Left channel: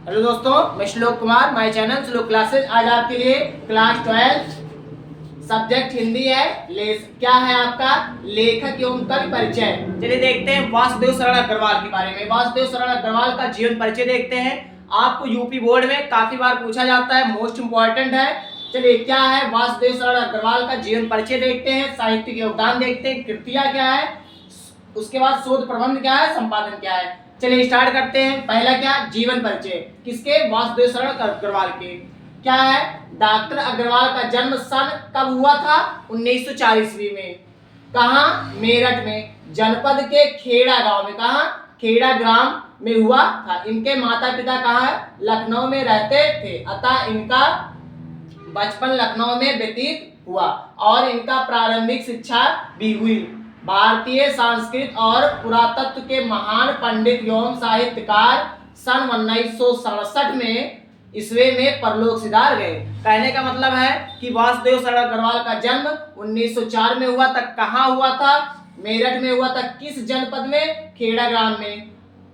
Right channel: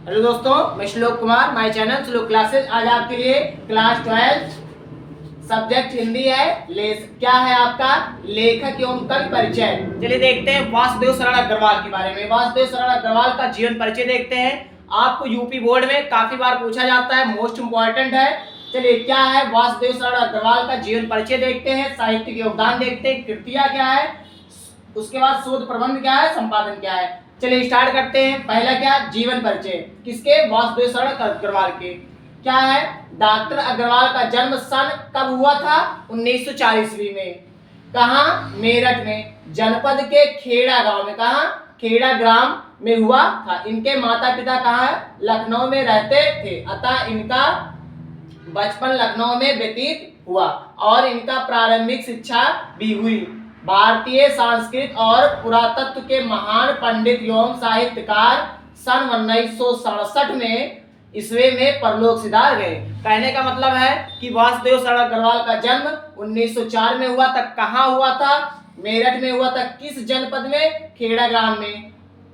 Hello दोस्तों, मैं श्लोक कुमार, माय चैनल श्लोक क्लासेस। आज आपके लिए क्लास 12 सब्जेक्ट हिंदी है। क्या है आपका लेखक एवं कवि परिचय। चलिए देखते हैं वासुदेव शरण अग्रवाल के बारे में। वासुदेव शरण अग्रवाल का जीवन परिचय देखते हैं। आपको यूपी बोर्ड में काफी बार पूछा जाता है, मोस्ट इंपॉर्टेंट है। चलिए क्या है वासुदेव शरण अग्रवाल का जीवन परिचय देखते हैं, साहित्यिक योगदान देखते हैं, कृतियां क्या है, उसके बाद शोध प्रबंध क्या है, संपादन क्या है। चलिए स्टार्ट करते हैं। पहला क्या, जीवन परिचय। किसके? वासुदेव शरण अग्रवाल के। क्या है, डॉक्टर अग्रवाल का जन्म सन कब हुआ था? 1940 में। कहाँ? मेरठ में, जनपद के खेड़ा गांव में। कहाँ? खेड़ा ग्राम में हुआ था। इनके माता पिता कहाँ है? लखनऊ में रहते थे, अतः इनका बचपन लखनऊ में व्यतीत हुआ और इनका प्रारंभिक शिक्षा भी हुई। भारतीय संस्कृत और पुरातत्व के महान पंडित एवं साहित्यकार सन 1967 में ईस्वी में परलोक सिधार गए। कहने का मतलब है कि वासुदेव शरण अग्रवाल का जन्म 1904 में हुआ था। कहाँ हुआ था? मेरठ में हुआ था। किस जनपद में? खेड़ा ग्राम में।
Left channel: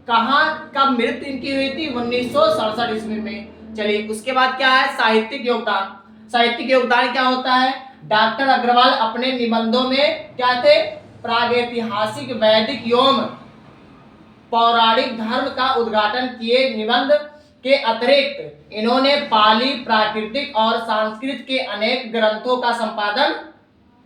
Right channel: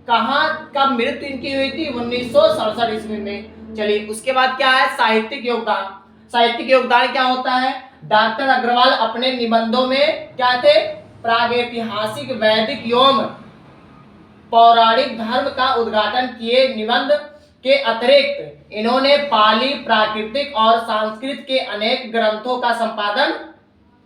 कहाँ, कब मृत्यु इनकी हुई थी? 1967 ईस्वी में। चलिए उसके बाद क्या है, साहित्यिक योगदान। साहित्यिक योगदान क्या होता है? डॉक्टर अग्रवाल अपने निबंधों में क्या थे? प्रागैतिहासिक, वैदिक एवं पौराणिक धर्म का उद्घाटन किए। निबंध के अतिरिक्त इन्होंने पाली, प्राकृतिक और संस्कृत के अनेक ग्रंथों का संपादन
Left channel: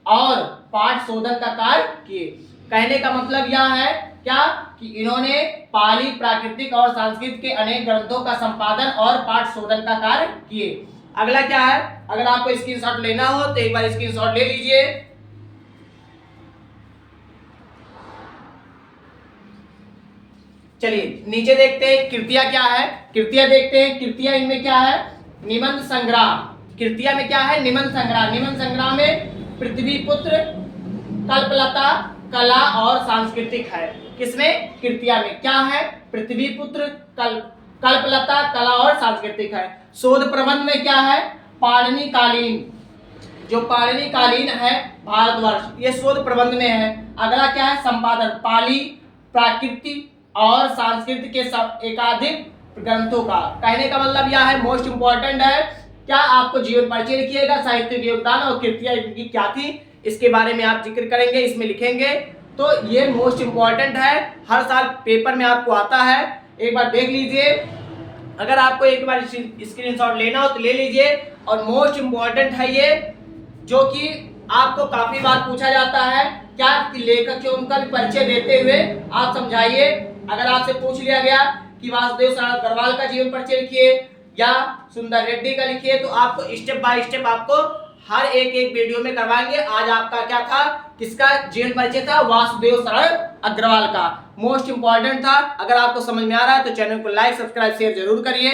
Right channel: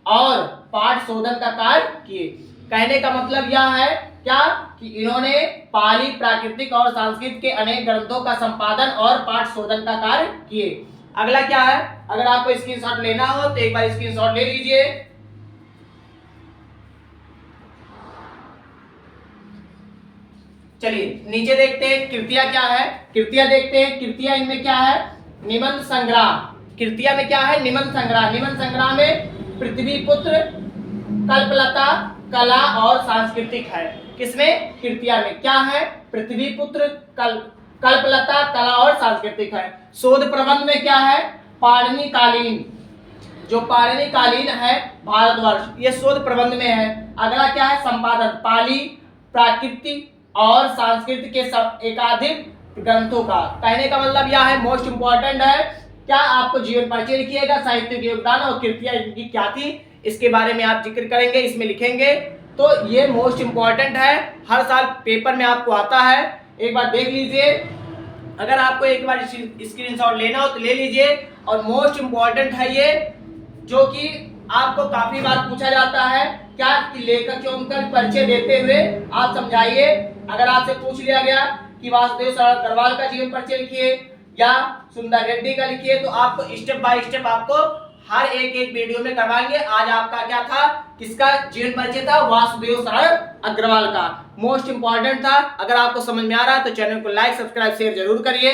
और पाठ शोधन का कार्य किए। कहने का मतलब यह है क्या कि इन्होंने पाली, प्राकृतिक और संस्कृत के अनेक ग्रंथों का संपादन और पाठ शोधन का कार्य किए। अगला क्या है, अगर आपको स्क्रीनशॉट लेना हो तो एक बार स्क्रीनशॉट ले लीजिए। चलिए नीचे देखते हैं कृतियां क्या है। कृतियां देखते हैं। कृतियां इनमें क्या है? निबंध संग्रह। कृतियां में क्या है? निबंध संग्रह। निबंध संग्रह में पृथ्वीपुत्र, कल्पलता, कला और सांस्कृतिक है। किसमें? कृतियां में क्या है? पृथ्वीपुत्र, कल्पलता, कला और सांस्कृतिक है। शोध प्रबंध में क्या है? पाणिनि कालीन, जो पाणिनि कालीन है भारतवर्ष, ये शोध प्रबंध में है। अगला क्या है? संपादन, पाली, प्राकृतिक और संस्कृत के एकाधिक ग्रंथों का। कहने का मतलब यह है, मोस्ट इंपॉर्टेंट है। क्या आपको जीवन परिचय लिखिएगा, साहित्यिक योगदान और कृतियां इनकी क्या थी इसके बारे में आप जिक्र करेंगे, इसमें लिखेंगे। तो ये मोस्ट इंपॉर्टेंट है, हर साल पेपर में आपको आता है, एक बार देख लीजिए। अगर आपको एक बार स्क्रीनशॉट लेना हो तो ले लीजिए। और मोस्ट इंपॉर्टेंट है ये, जो कि आपको काफी बार पूछा जाता है। क्या लेखक एवं कवि परिचय देते हुए आप समझाइए। अगर आपसे पूछ लिया गया कि वासुदेव शरण अग्रवाल का जीवन परिचय लिखिए या सुंदर रेड्डी का लिखिए, तो आपको स्टेप बाय स्टेप आपको हर एक वीडियो में करवाएंगे। आज आपका क्या था, किसका जीवन परिचय था? वासुदेव शरण अग्रवाल का। मोस्ट इंपॉर्टेंट था। अगर आपको समझ में आ रहा है तो चैनल को लाइक, सब्सक्राइब, शेयर जरूर करिए।